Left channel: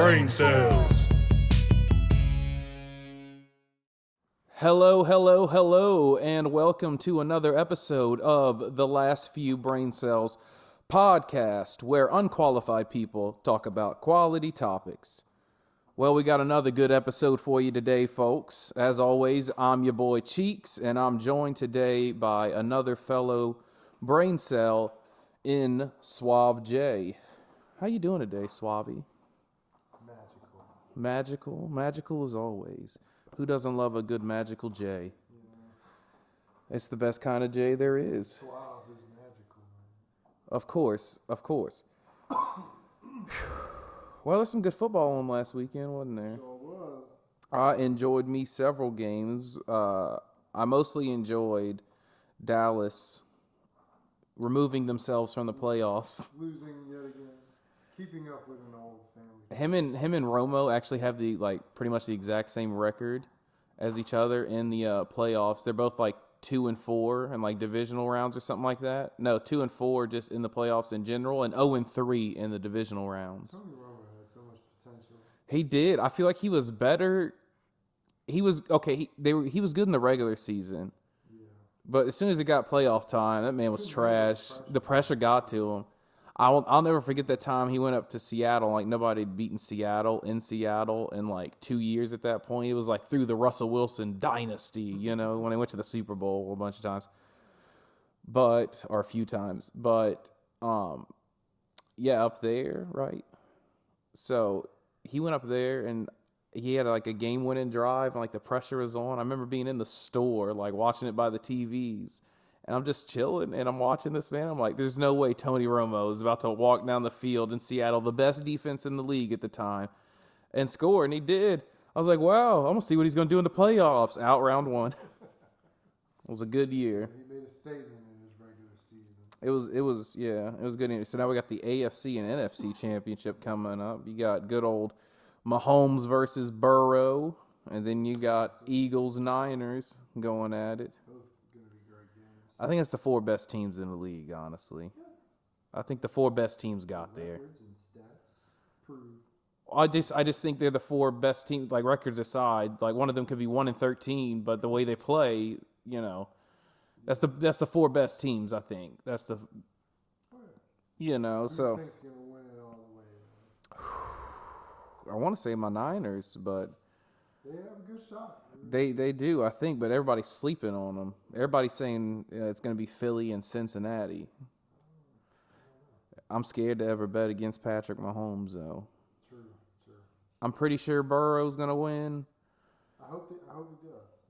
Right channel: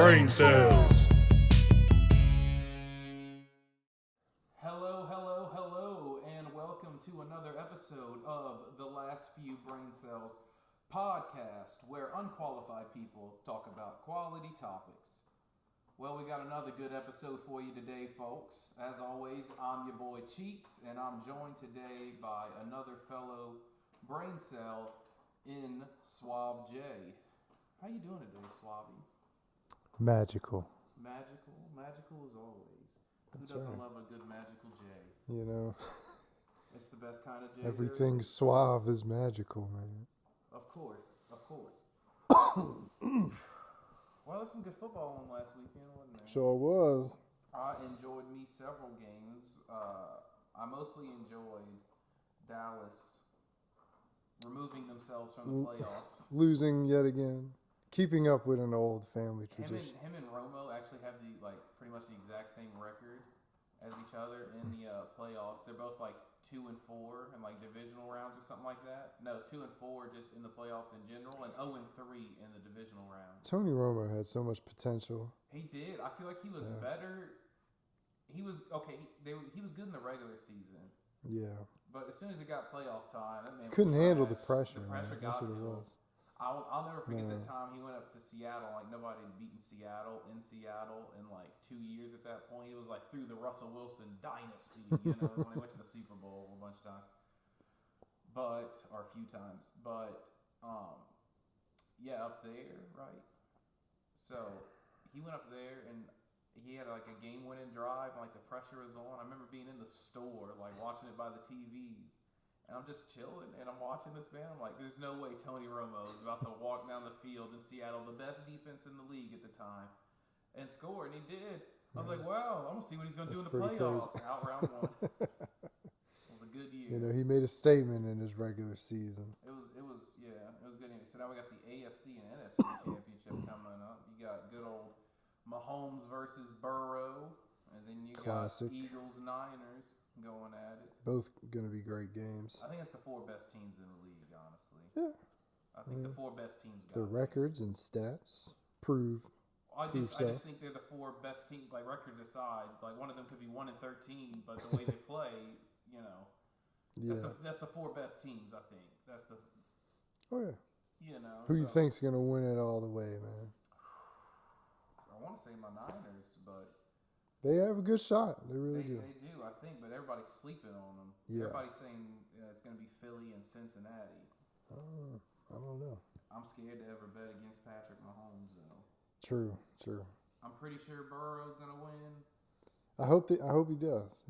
brain cells. Hello, and welcome to another episode of The Last Few Brain Cells podcast, where unqualified people talk about quality topics. Well, we got another good episode for you today, folks. As always, I'm your boy Cheeks, and I'm joined today by another fellow brain cell in Suave Jay. How you doing today, Suave? Magical Magical as always. Who doesn't love a good magical J? You know, It's the best kind of J there everything is. suave is magical, man. Of course. Well, there's some good football on last weekend, wasn't there? Sure was. I enjoyed me several games. I mostly enjoyed Dallas removing themselves from the playoffs. Losing yet again. Keeping up with an old family tradition. Him and Romo actually have pretty much the exact same record as each other in the playoffs. They're both 2-4 in divisional rounds or something like that. No, 2-4 just in the playoffs in general, and 0-3 in the divisional rounds. Tony Romo had so much potential. He did. I feel like he was better. He was okay. He was good in the regular season, Yeah. but as soon as it got playoff time, that man was Couldn't handle trash. the pressure, man. got That's to what it him. was. I'll never forget that time he went up to Seattle. Nobody had beaten Seattle in 2 years at that point. It was through the Russell Wilson dynasty, when they went to the Super Bowl a bunch of times. Or a few times. But, yeah, up there, right? So he went up there and he had a game-winning drive and the pressure was on. I remember being in the store, watching it by the TVs. And I'm just chilling, and I'm watching this, man. I'm like, there's no way Tony Romo is about to walk down the field in Seattle, the best defense in the league at the time, and score, and he did. I was like, wow, I'm going to see what he's going to do in the playoffs. Out round one. It was a good year. Yeah, he made a statement in his regular season. It was good. So now we got the AFC and NFC championship coming up. You got good old Mahomes versus Burrow, and then you got Classic. Eagles-Niners going at it. Both going to be great games. I think it's the four best teams in the league, honestly. Yeah. I think the four best teams The got there. records and stats prove. I just think they're the four best teams. Records aside, one of them could be 1-13, but the way they play, that's the four best teams. I think that's the. Oh yeah. Who so you think's going to win it all the way, man? I want to say my Niners, but They have a good shot. they do, I think, but everybody's sleeping on them. Yeah. Everybody's saying it's going to be Philly and Cincinnati. I don't know. I'm scared to ever bet against Patrick Mahomes, though. True. I'm pretty sure Burrow's going to win. I hope he does.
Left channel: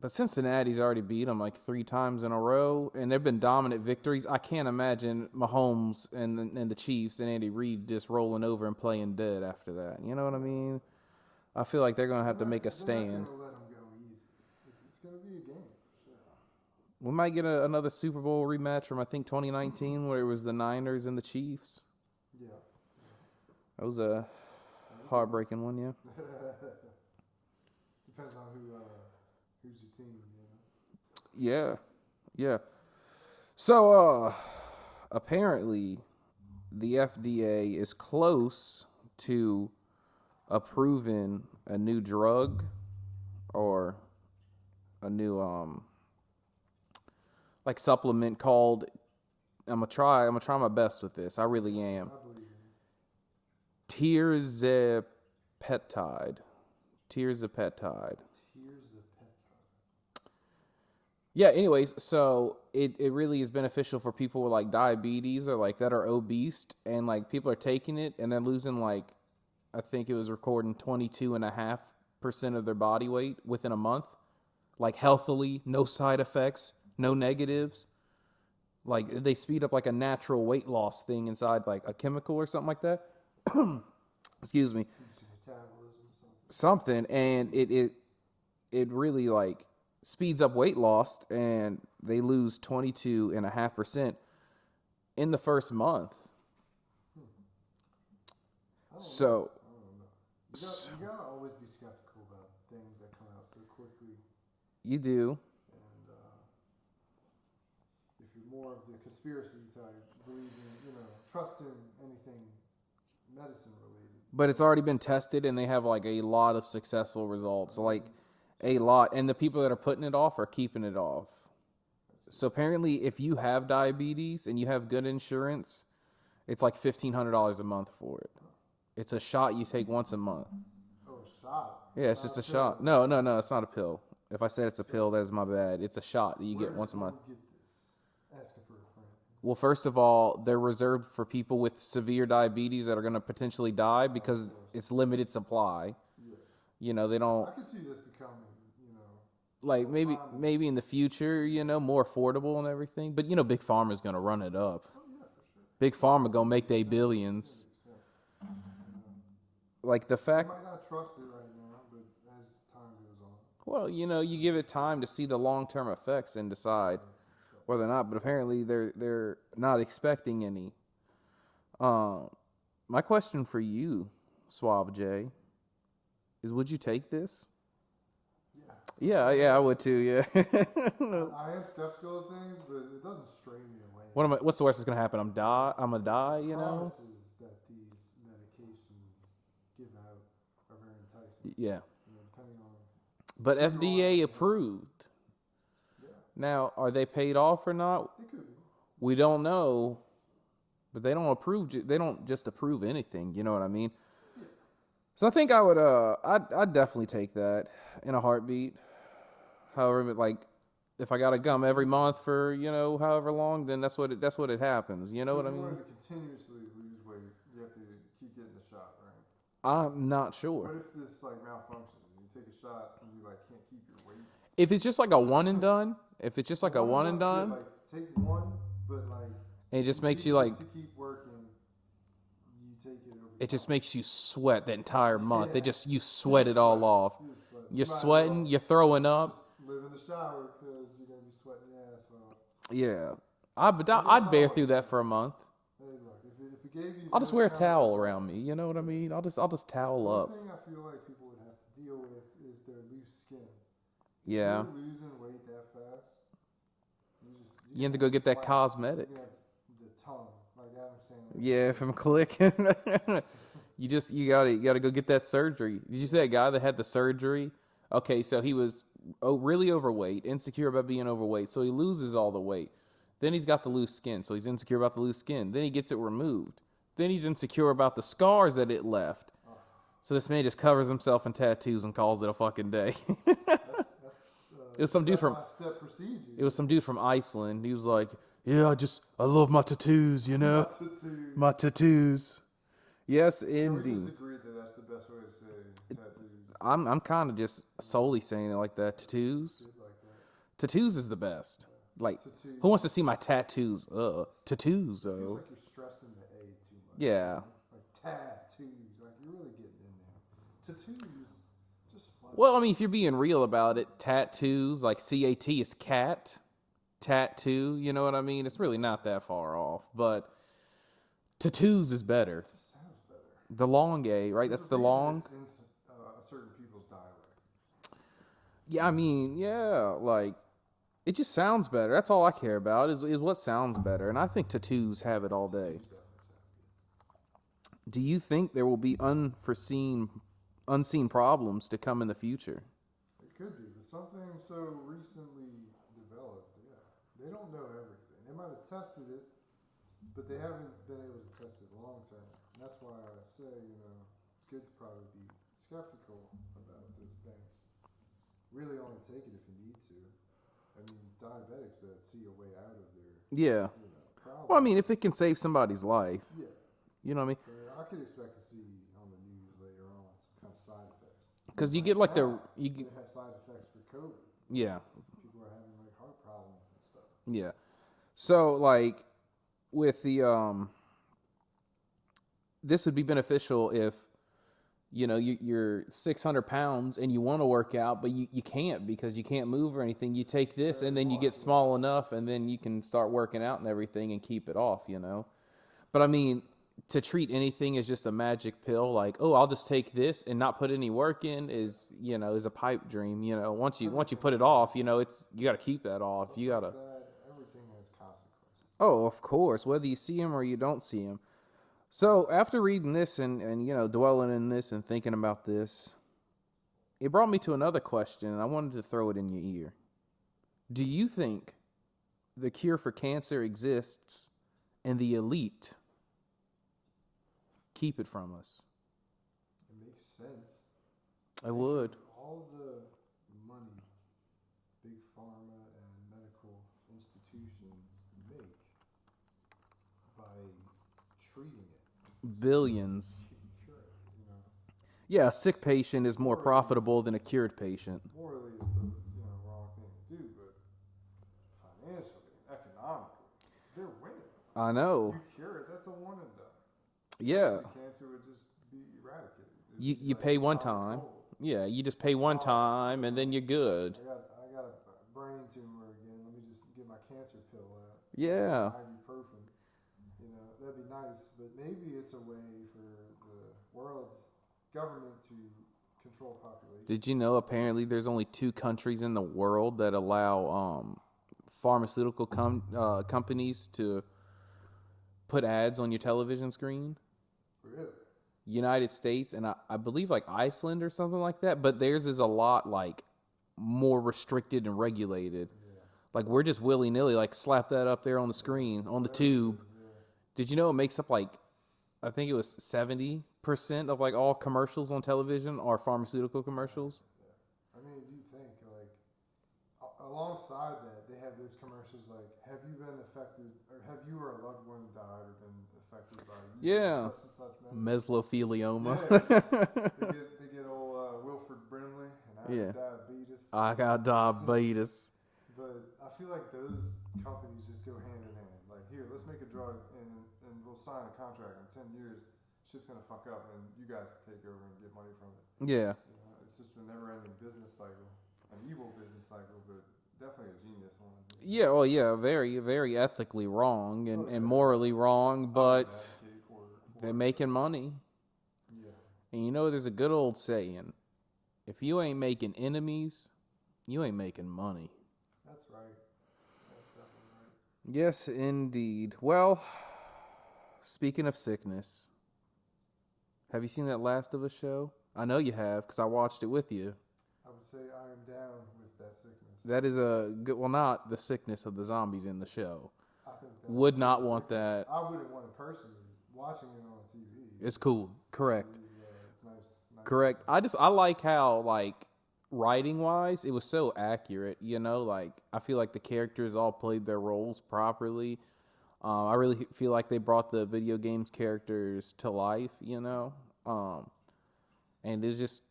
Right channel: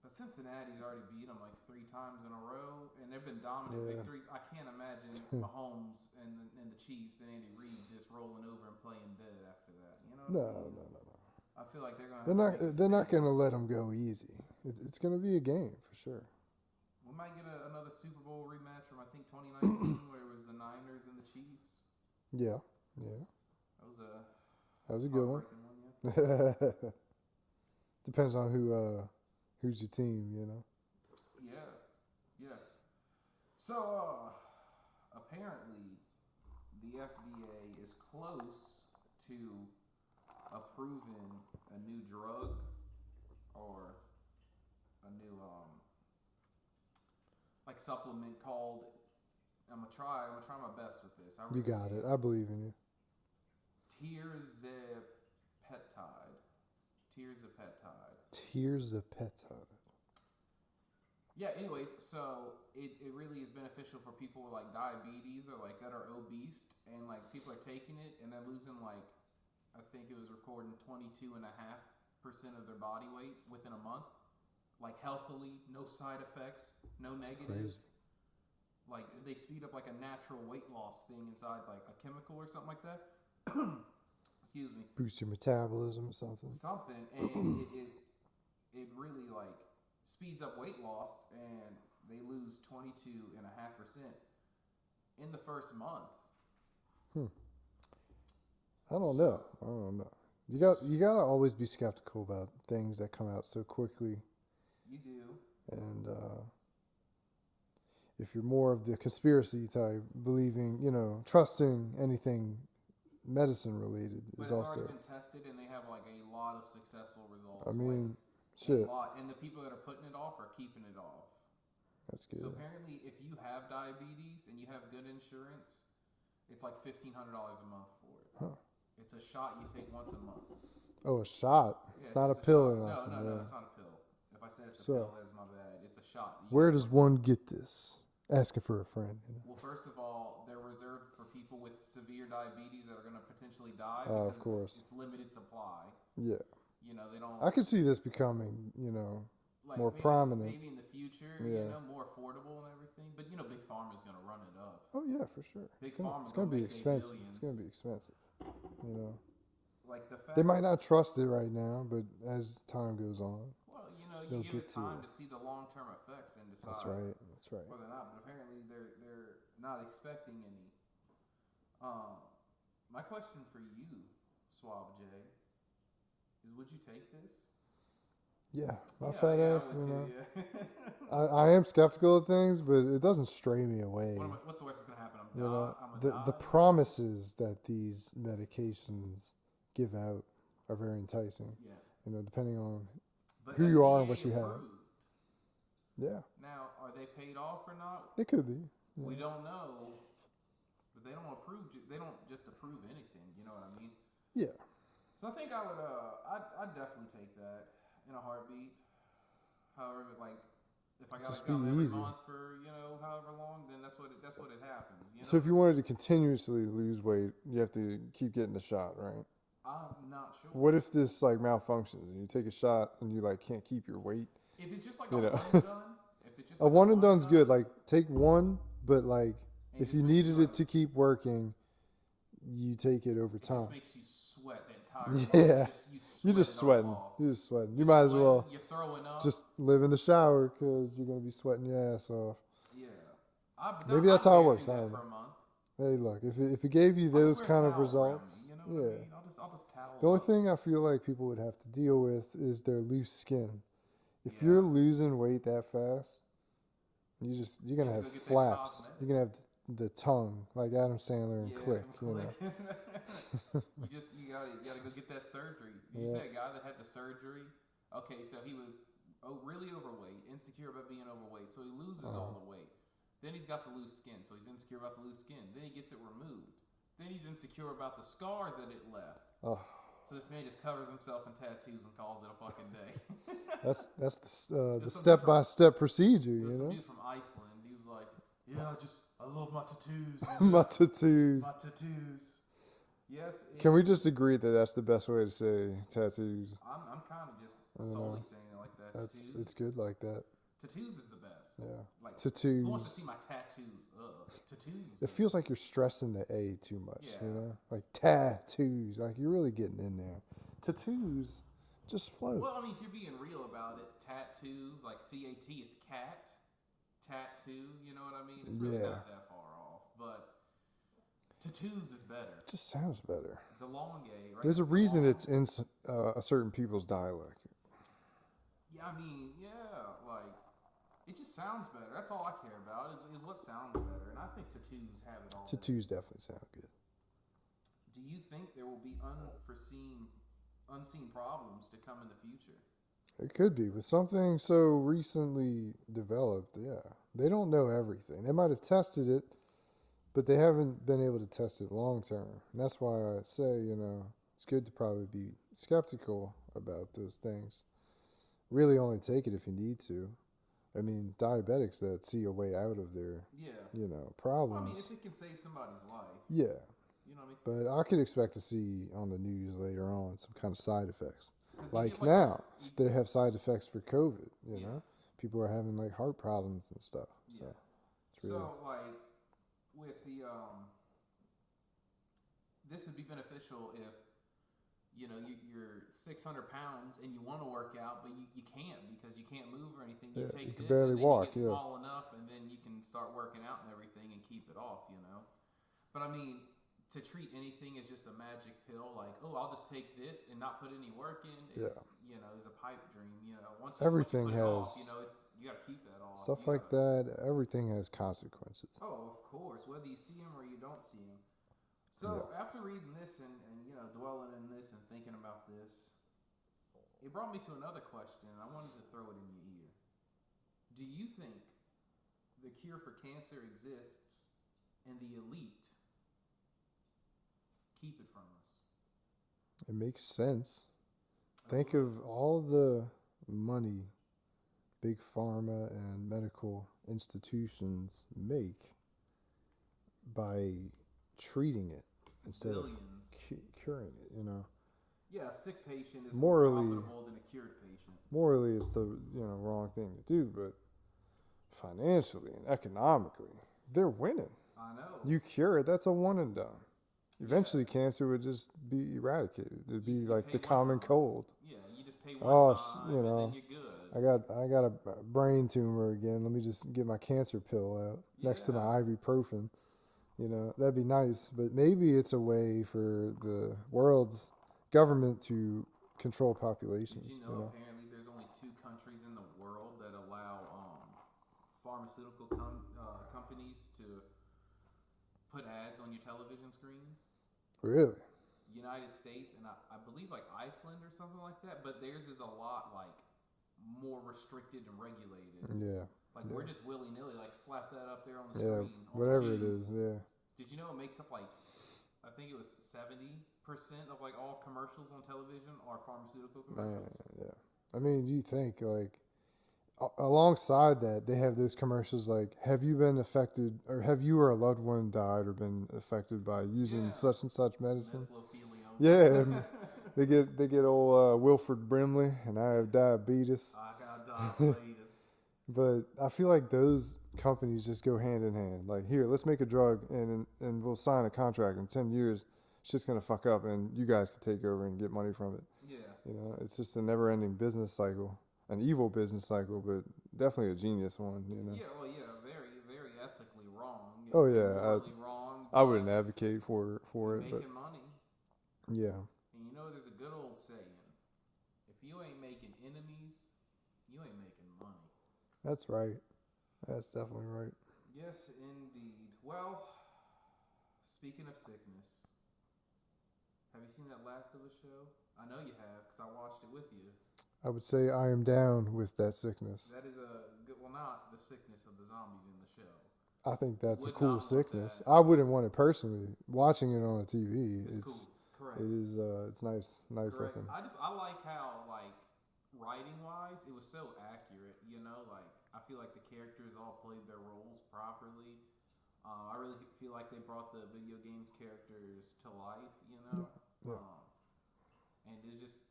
But Cincinnati's already beat them 3 times in a row, and they've been dominant victories. I can't imagine Mahomes and the Chiefs and Andy Reid just rolling over and playing dead after that. You know what I mean? No. I feel like they're going to have to make a stand. They're not going to let them go easy. It's going to be a game for sure. We might get another Super Bowl rematch from, I think, 2019, where it was the Niners and the Chiefs. Yeah. That was a Good heartbreaking one, yeah. Depends on who's your team, Yeah. So, apparently, the FDA is close to approving a new drug or a new supplement called. I'm gonna try my best with this. I really am. I believe in you. Tirzepatide. Tears of petide. Yeah, anyways, so it really is beneficial for people with diabetes or that are obese, and people are taking it and they're losing I think it was recording 22.5% of their body weight within a month, healthily, no side effects, no negatives. They speed up a natural weight loss thing inside a chemical or something like that. Excuse me. Boost your metabolism or something. Something, and it really speeds up weight loss, and they lose 22.5% in the first month. I don't know. You gotta always be skeptical about things that come out so quickly. You do. And if you're more of the conspiracy type, believing, trusting anything medicine related. But it's already been tested, and they have like a lot of successful results. I mean, a lot, and the people that are putting it off are keeping it off. That's good. So apparently, if you have diabetes and you have good insurance, it's like $1,500 a month for it. Huh. It's a shot you take once a month. Oh, a shot. Yeah, it's just a shot. No, it's not a pill. If I said it's a pill, that is my bad. It's a shot. That you Where get does one get this? Asking for a friend. Well, first of all, they're reserved for people with severe diabetes that are going to potentially die because it's limited supply. Yeah. You know, they don't. I could see this becoming, you know, like more maybe prominent. maybe in the future, you know, more affordable and everything. But you know, Big Pharma's going to run it up. Oh yeah, for sure. Big Pharma going to make their billions. It's gonna be expensive. You know. Like the fact they might not trust it right now, but as time goes on. Well, you know, you give it time to see the long-term effects and decide That's right. whether or not. But apparently, they're not expecting any. My question for you, Suave Jay, is: would you take this? Yeah. I would too. Yeah. I am skeptical of things, but it doesn't stray me away. What's the worst that's gonna happen? I'm gonna die. The promises that these medications give out are very enticing. Yeah. You know, depending on. But who you are and what FDA you have. approved. Yeah. Now, are they paid off or not? It could be. We don't know. But they don't approve. They don't just approve anything. You know what I mean? Yeah. So I think I would. I'd definitely take that in a heartbeat. However, like, if I got to gum every month for however long, then that's what it happens. You know. So if you wanted to continuously lose weight, you have to keep getting the shot, right? I'm not sure. What if this like malfunctions and you take a shot and you like can't keep your weight? If it's just like a one and done, if it's just like a one and done, good. Like take one, but like it just makes you like to keep working. You take it over time. It just makes you sweat the entire month. Yeah. You sweat it all off. You're just sweating. You're sweating. Well you're throwing up. just live in the shower because you're gonna be sweating your ass off. Yeah, I'd Maybe that's how it bear works, through that for a month. Hey, look, if it gave you, I'll just wear a kind of towel results, around me. You know what I mean? I'll just towel The up. only thing I feel like people would have to deal with is their loose skin. If Yeah. you're losing weight that fast, you're You have to go get that flaps. cosmetic. You're gonna have the tongue like Adam Sandler. in Yeah, Click, from you know? Click. you gotta go get that surgery. Did you see that guy that had the surgery? Okay, so he was really overweight, insecure about being overweight, so he loses all the weight. Then he's got the loose skin, so he's insecure about the loose skin. Then he gets it removed. Then he's insecure about the scars that it left. Oh. So this man just covers himself in tattoos and calls it a fucking day. That's the was some dude from- step-by-step procedure. It was some dude from Iceland. He was like, "Yeah, I love my tattoos, you know, my tattoos." Yes, Can we just agree that that's the best way to say tattoos? I'm kind of just solely saying it like that. Tattoos. It's good like that. Tattoos is the best. Yeah. Like, Tattoos. who wants to see my tattoos? Tattoos. It feels like you're stressing the A too much. Yeah. You know? Like tattoos. Like you're really getting in there. Tattoos just float. Well, I mean, if you're being real about it, tattoos, like CAT is cat. Tattoo, you know what I mean? It's really not that far off. But tattoos is better. It just sounds better. The long A, right? There's That's a the reason long. it's in a certain people's dialect. Yeah, I mean, yeah, like, it just sounds better. That's all I care about is what sounds better. And I think tattoos have it all day. Tattoos definitely sound good. Do you think there will be unseen problems to come in the future? It could be with something so recently developed. Yeah, they don't know everything. They might have tested it, but they haven't been able to test it long term. And that's why I say, it's good to probably be skeptical about those things. Really, only take it if you need to. I mean, diabetics that see a way out of their problems. Well, I mean, if it can save somebody's life, yeah, you know what I mean. But I could expect to see on the news later on some kind of side effects. Because you get like now, they have side effects for COVID. Yeah. know? People are having like heart problems and stuff. Yeah. So like with the this would be beneficial if you're 600 pounds and you want to work out, but you can't because you can't move or anything. You take this and then you get small enough and then you can start working out and everything and keep it off, But I mean, to treat anything as just a magic pill, like, oh, I'll just take this and not put any work in is a pipe dream. Once you put it off, you got to keep that off. Stuff You like gotta, that, everything has consequences. Oh, of course, whether you see them or you don't see them. So after reading this and dwelling in this and thinking about this, it brought me to another question, and I wanted to throw it in your ear. Do you think the cure for cancer exists and the elite keep it from us? It makes sense. Think of all the money big pharma and medical institutions make by treating it. Billions. Curing it, Yeah, a sick patient is more profitable than a cured patient. Morally, it's the wrong thing to do, but financially and economically, they're winning. I know. You cure it, that's a one and done. Eventually, cancer would just be eradicated. You pay one time. Cold. Yeah, you just pay one time, and then you're good. I got a brain tumor again. Let me just get my cancer pill out next to my ibuprofen. That'd be nice. But maybe it's a way for the world's government to control population. Did you know apparently there's only 2 countries in the world that allow pharmaceutical companies to put ads on your television screen? Really? United States and I believe like Iceland or something like that, but theirs is a lot like more restricted and regulated. Yeah. Like we're just willy-nilly like slap that up there on the screen, on the tube. Did you know it makes up like I think it was 70% of like all commercials on television are pharmaceutical commercials? Yeah. I mean, you think like alongside that, they have those commercials like, have you been affected or have you or a loved one died or been affected by using such and such medicine? Mesothelioma. Yeah. they get old Wilford Brimley, and I have diabetes. I got diabetes. But I feel like those companies just go hand in hand. Like, here, let's make a drug and we'll sign a contract in 10 years. It's just going to fuck up and you guys can take over and get money from it. Yeah. It's just a never-ending business cycle. An evil business cycle, but definitely a genius one. Yeah, well, yeah, very, very ethically wrong and morally wrong, but I wouldn't advocate for they're making money. Yeah. And there's a good old saying, if you ain't making enemies, you ain't making money. That's right. That's definitely right. Yes, indeed. Well, speaking of sickness, have you seen that Last of Us show? I know you have, because I watched it with you. I would say I am down with that sickness. That is a good, well, not the sickness of the zombies in the show. I think that's would a cool not want sickness. that. I wouldn't want it personally. Watching it on a TV, it's cool. Correct. It is. It's nice. Correct. Looking. I like how like writing wise, it was so accurate. Like I feel like the characters all played their roles properly. I really feel like they brought the video games characters to life. And it's just.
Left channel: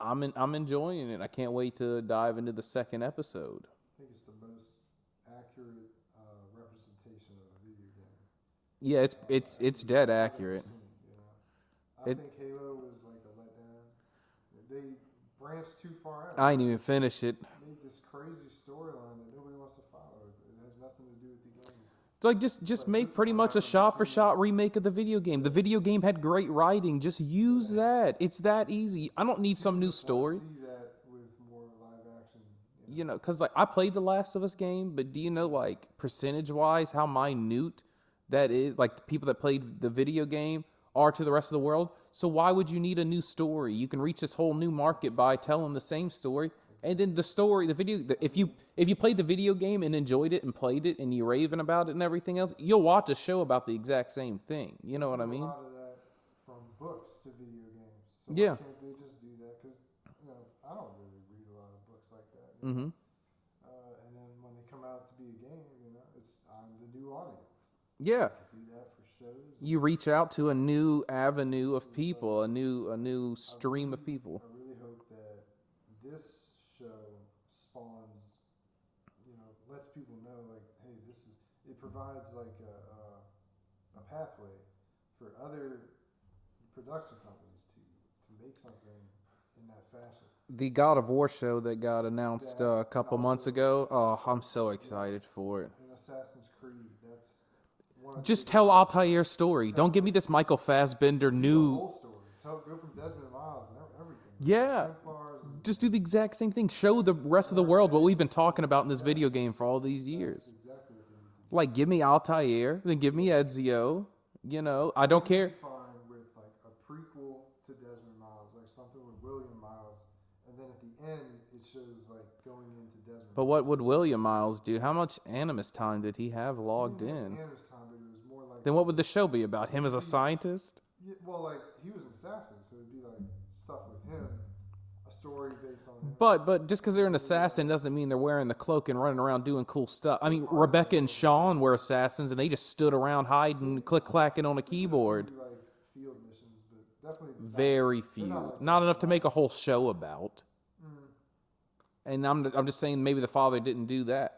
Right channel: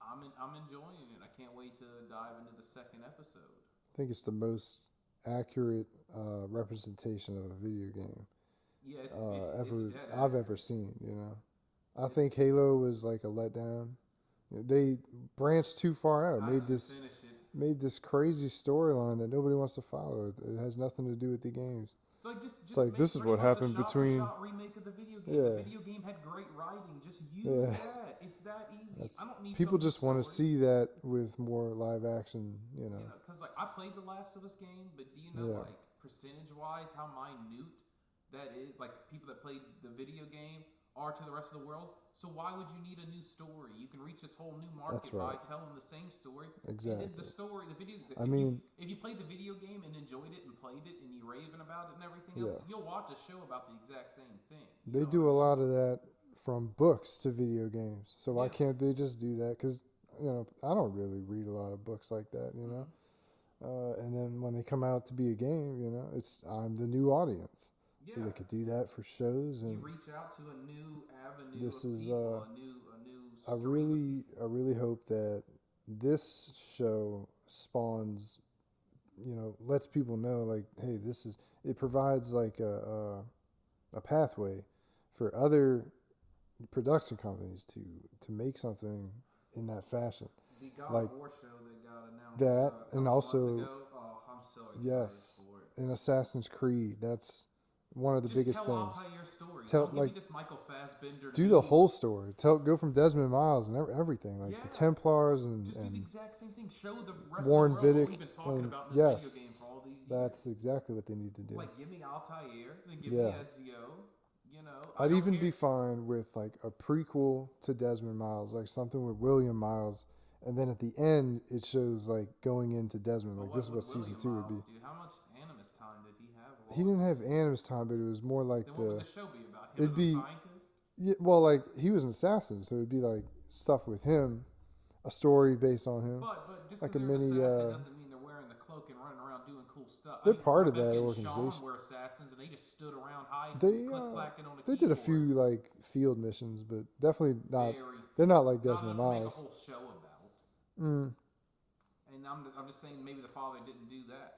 I'm enjoying it. I can't wait to dive into the second episode. I think it's the most accurate representation of a video game. Yeah, it's dead accurate. I've ever seen. I think Halo was like a letdown. They branched too far out. I didn't even finish it. Made this crazy storyline that nobody wants to follow. It has nothing to do with the games. Like just make pretty much a shot-for-shot remake of the video game. The video game had great writing. Just use that. It's that easy. I don't need some new story. People just want to see that with more live action. Because like I played the Last of Us game, but do you know like percentage-wise how minute that is? Like the people that played the video game are to the rest of the world. So why would you need a new story? You can reach this whole new market by telling the same story. Exactly. And then the story, if you played the video game and enjoyed it and played it and you're raving about it and everything else, you'll watch a show about the exact same thing. You know what I mean? They do a lot of that from books to video games. So why can't they just do that? Because I don't really read a lot of books like that. And then when they come out to be a game, I'm the new audience. Yeah, so they could do that for shows. You reach out to a new avenue of people, a new stream of people. I really hope that this show spawns, lets people know, like, hey, it provides like a pathway for other production companies to make something in that fashion. The God of War show that got announced a couple months ago. Oh, I'm so excited for it. And Assassin's Creed, that's. Just tell Altair's story. Don't give me this Michael Fassbender do the whole story. Go from Desmond Miles and everything. Like the Templars and just do the exact same thing. Show the rest of the world what we've been talking about in this video game for all these years. That's exactly what they need to do. Like give me Altair, then give me Ezio, You know, I I'd don't even care. be fine with like a prequel to Desmond Miles, like something with William Miles, and then at the end it shows like going into Desmond. But like, what this is would season William 2 would Miles be. do? How much Animus time did he have He logged didn't have in? Animus time, but it was more like. Then what would the show be about? Him as it'd a be- scientist? Yeah, well, like he was an assassin, so it'd be like stuff with him, a story based on him. But just because Like a they're an mini, assassin doesn't mean they're wearing the cloak and running around doing cool stuff. I They're mean, part of that Rebecca and Sean organization. were assassins, and they just stood around hiding, click clacking on a They keyboard. did a few like field missions, but definitely not. Very few. They're not like not Desmond enough to make a Miles. whole show about. Mm. And I'm just saying maybe the father didn't do that.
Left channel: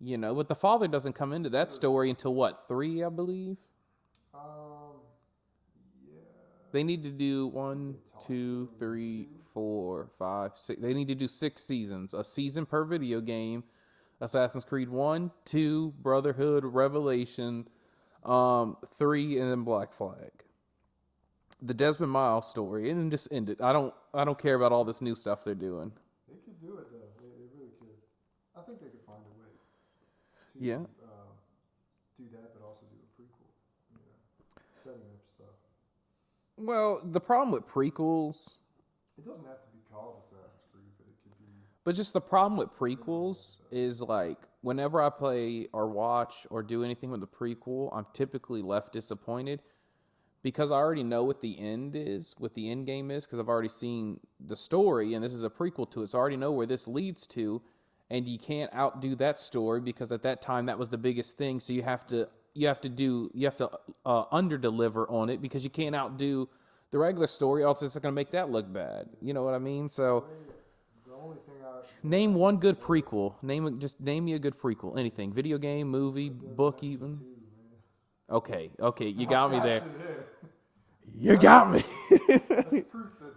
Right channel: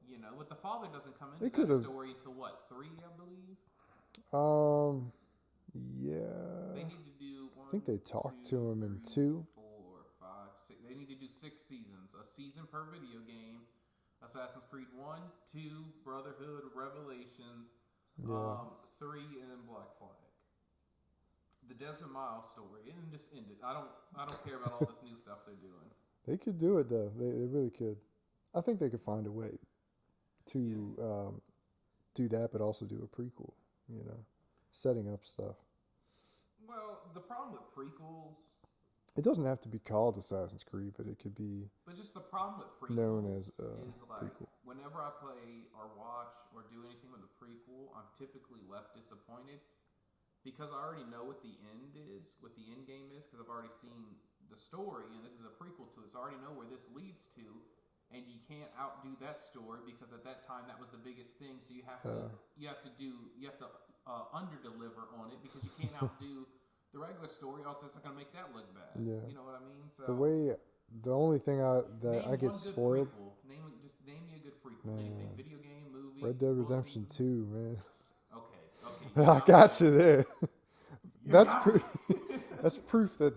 You know, but the father doesn't come into They that could've- story until what, 3, I believe. Yeah. They need to do one, they talked to 2, him in 3, 2. 4, 5, 6. They need to do 6 seasons. A season per video game. Assassin's Creed 1, 2, Brotherhood, Revelation, 3, and then Black Flag. The Desmond Miles story, and then just end it. I don't care about all this new stuff they're doing. They could do it though. They really could. I think they could find a way to do that, but also do a prequel. You know, setting up stuff. Well, the problem with prequels, It doesn't have to be called Assassin's Creed, but it could be. but just the problem with Known prequels as, is like whenever I play or watch or do anything with the prequel, I'm typically left disappointed because I already know what the end is, what the end game is, because I've already seen the story and this is a prequel to it, so I already know where this leads to. And you can't outdo that story because at that time that was the biggest thing. So you have to under deliver on it because you can't outdo the regular story. Else it's going to make that look bad. Yeah. You know what I mean? So The only thing name I one get good spoiled- prequel. Name me a good prequel. Anything, video game, movie, Red Dead book, Redemption even. 2, man. Okay, you I got got me there. you there. You That's got me. That's proof that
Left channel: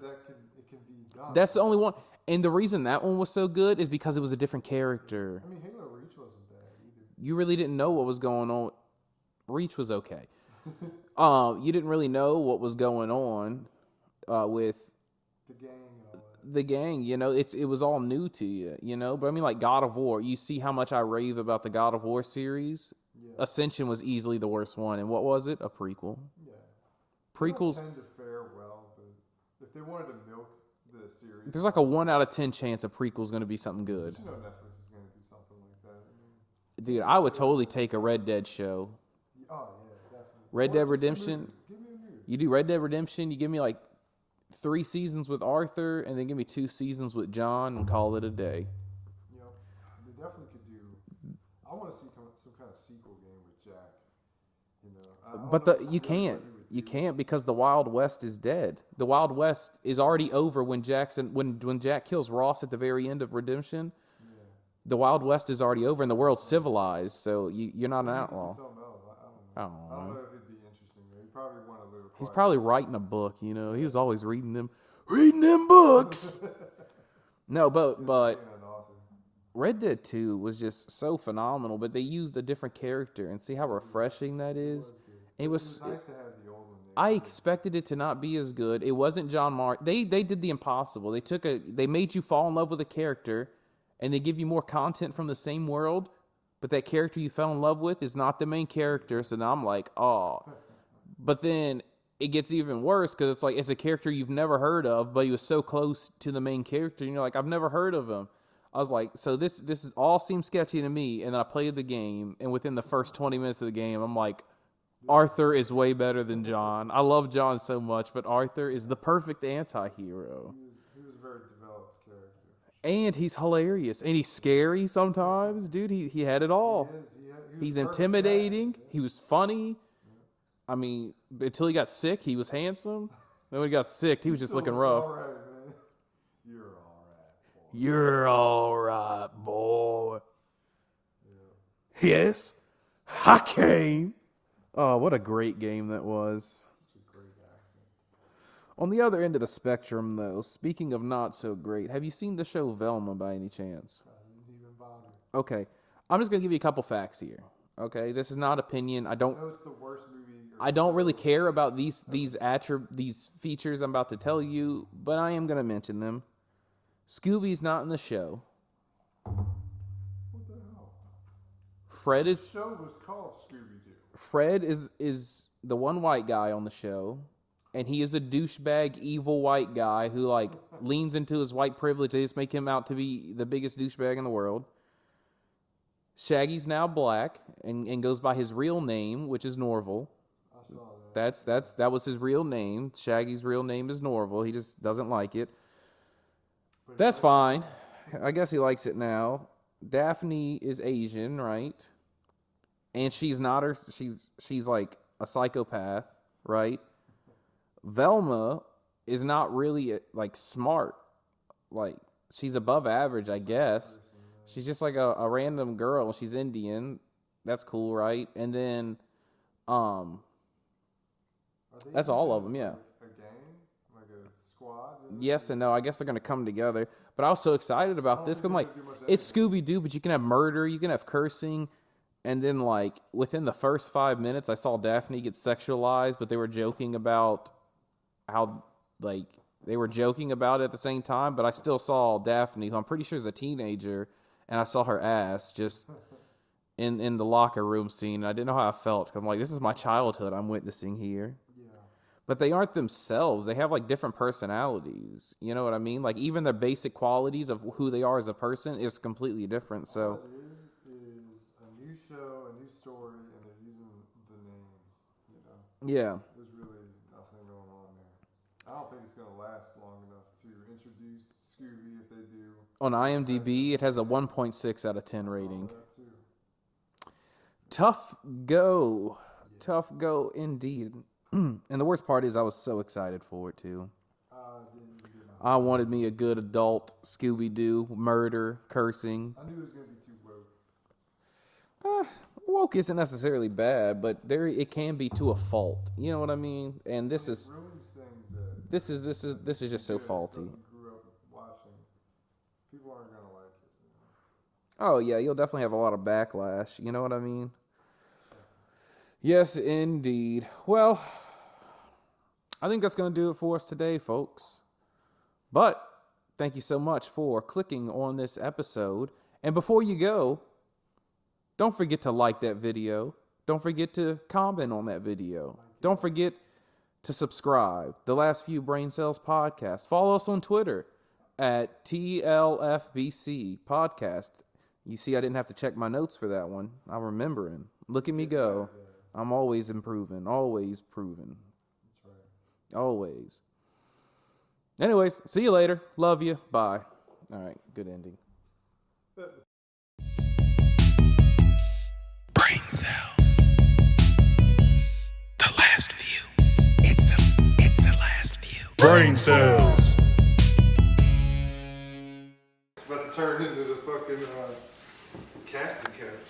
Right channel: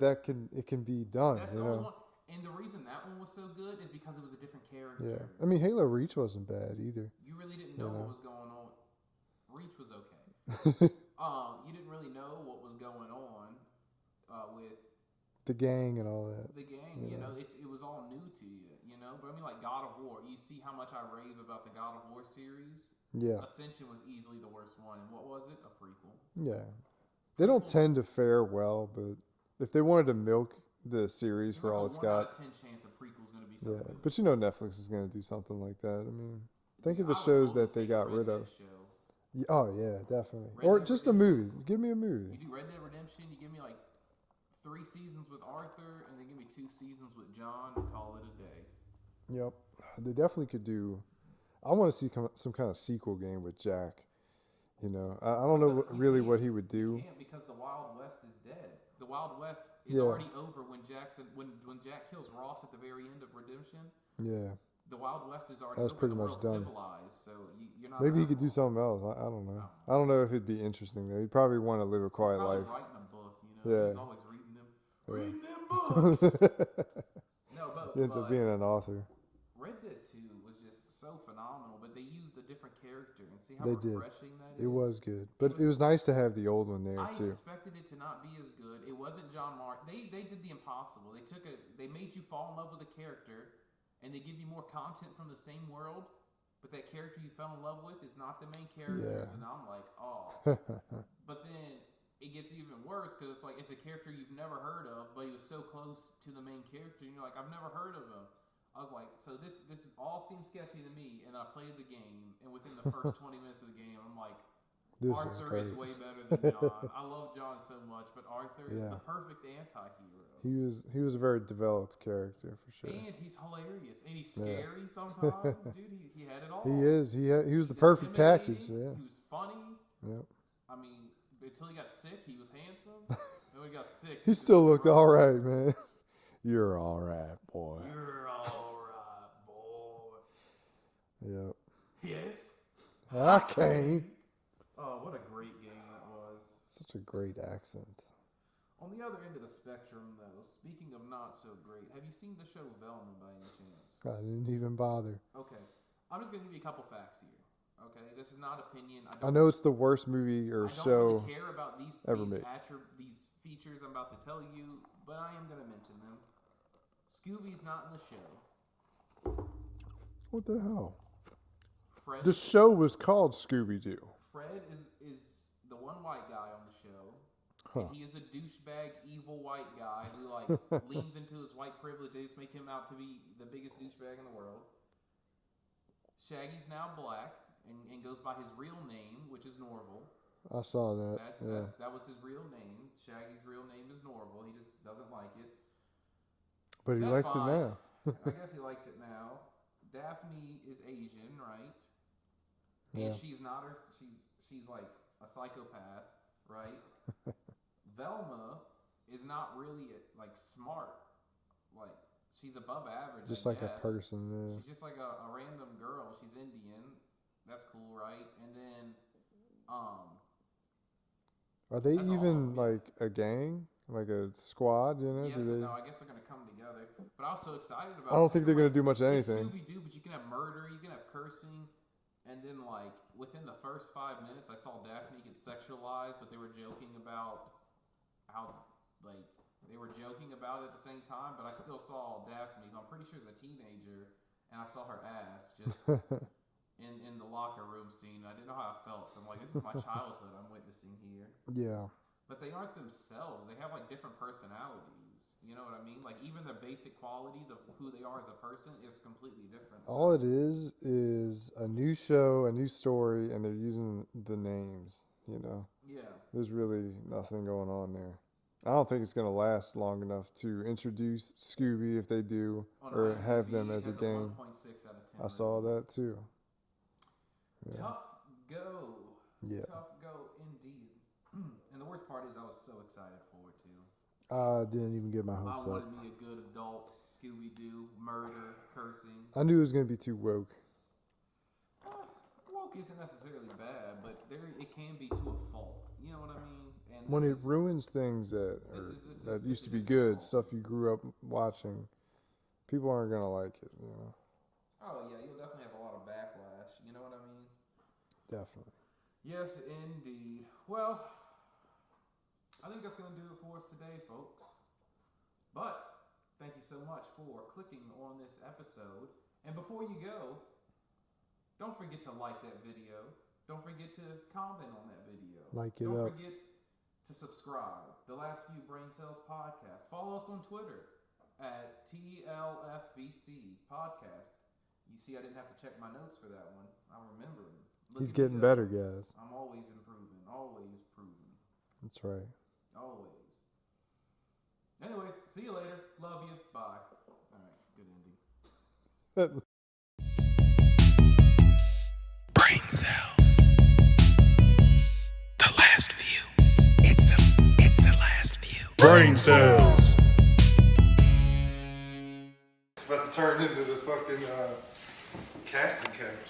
it can be done. That's the you only know? one. And the reason that one was so good is because it was a different Yeah. character. I mean, Halo Reach wasn't bad either. You really didn't know what was going on. Reach was okay. You didn't really know what was going on with The gang and all that. the gang. You know, it was all new to you. You know, but I mean, like God of War. You see how much I rave about the God of War series. Yeah. Ascension was easily the worst one, and what was it? A prequel. Yeah. They don't Prequels. tend to fare well, but if they wanted to milk the series, There's like a 1 out of 10 chance a prequel's going to be something good. But you know, Netflix is going to do something like that. I mean, think Dude, of the I would shows totally that they take a got Red rid of. Dead show. Oh yeah, definitely. Red Or Dead just Redemption. A movie. Give me a movie. You do Red Dead Redemption. You give me like 3 seasons with Arthur, and then give me 2 seasons with John, and call it a day. Yep. They definitely could do. I want to see some kind of sequel game with Jack. You know, I don't know you really can't. what he would do. You can't because the Wild West is dead. The Wild West is already over when when Jack kills Ross at the very end of Redemption. Yeah. The Wild West is already That's over and the pretty much world's done. civilized. So you're not Maybe an you could do outlaw. something else. I don't know. I don't I don't know if it'd be interesting though. He'd probably want to live a quiet He's probably life. writing a book. You know, Yeah. he was always reading them books. No, He ends up but being an author. Red Dead 2 was just so phenomenal, but they used a different character and see how They did. refreshing that is. It was good. It But was- it was nice to have the old one there. I too. expected it to not be as good. It wasn't John Mark. They did the impossible. They made you fall in love with a character and they give you more content from the same world, but that character you fell in love with is not the main character. Yeah. So now I'm like, oh. But then it gets even worse because it's like it's a character you've never heard of, but he was so close to the main character, and you're like, I've never heard of him. I was like, so this is all seems sketchy to me, and then I played the game, and within the first 20 minutes of the game, I'm like, This Arthur is is way better than John. I love John so much, but Arthur is Yeah. the perfect anti-hero. He was a very developed character for sure. And he's hilarious, and he's scary sometimes, dude. He had it all. He is. He was He's the perfect intimidating. package, He was funny. yeah. I mean, until he got sick, he was handsome. Then when he got sick, he He was just still looking looked rough. all right, man. You're all right, boy. You're all right, boy. Yep. Yes, I came. Oh, what a great game that was. Such a great accent. On the other end of the spectrum, though, speaking of not so great, have you seen the show Velma by any chance? I didn't even bother. Okay, I'm just gonna give you a couple facts here. Okay, this is not opinion. I I don't know it's the worst movie or I don't really show care about these ever made. these features I'm about to tell you, but I am gonna mention them. Scooby's not in the show. What the hell? Fred The is show was called Scooby-Doo. Fred is the one white guy on the show, and he is a douchebag, evil white guy who like leans into his white privilege. They just make him out to be the biggest douchebag in the world. Shaggy's now black and goes by his real name, which is Norval. I saw that. That was his real name. Shaggy's real name is Norval. He just doesn't like it. But That's fine. I guess he likes it now. Daphne is Asian, right? And she's not her. She's like a psychopath, right? Velma is not really like smart. Like she's above average, Just I like guess. a person, yeah. She's just like a random girl. She's Indian. That's cool, right? And then, Are they that's even all of them, yeah. like a gang, like a squad? You know? yes and no. I guess they're gonna come together. But I was so excited I about don't this. think 'Cause, they're like, gonna do much of anything. it's Scooby-Doo, but you can have murder, you can have cursing, and then like within the first 5 minutes, I saw Daphne get sexualized, but they were joking about how like they were joking about it at the same time. But I still saw Daphne, who I'm pretty sure is a teenager, and I saw her ass just in the locker room scene. I didn't know how I felt. I'm like, this is my childhood I'm witnessing here. Yeah. But they aren't themselves. They have like different personalities. You know what I mean? Like even their basic qualities of who they are as a person is completely different. So All it is a new show, a new story, and they're using the names. You know, yeah, there's really nothing going on there. I don't think it's going to last long enough to introduce Scooby if they do. on or have them IMDb it as has a gang. 1.6 out of 10 I rating. saw that too. Tough go. Yeah. Tough go indeed. And the worst part is I was so excited for it too. I didn't even get my hopes I up. wanted me a good adult Scooby-Doo, murder, cursing. I knew it was going to be too woke. Woke isn't necessarily bad, but it can be to a fault. You know what I mean? And this When is it ruins things that this is just so good, faulty. stuff you grew up watching. People aren't going to like it. You know, Oh yeah, you'll definitely have a lot of backlash. You know what I mean? definitely. Yes, indeed. Well, I think that's going to do it for us today, folks. But thank you so much for clicking on this episode. And before you go, don't forget to like that video. Don't forget to comment on that video. Like it Don't up. forget to subscribe. The Last Few Brain Cells Podcast. Follow us on Twitter at TLFBC Podcast. You see, I didn't have to check my notes for that one. I'm remembering. Look He's at me getting go. better, guys. I'm always improving. Always proving. That's right. Always. Anyways, see you later. Love you. Bye. All right. Good ending. Brain cells. The last view. It's the last view. Brain cells. It's about to turn into the fucking casting couch.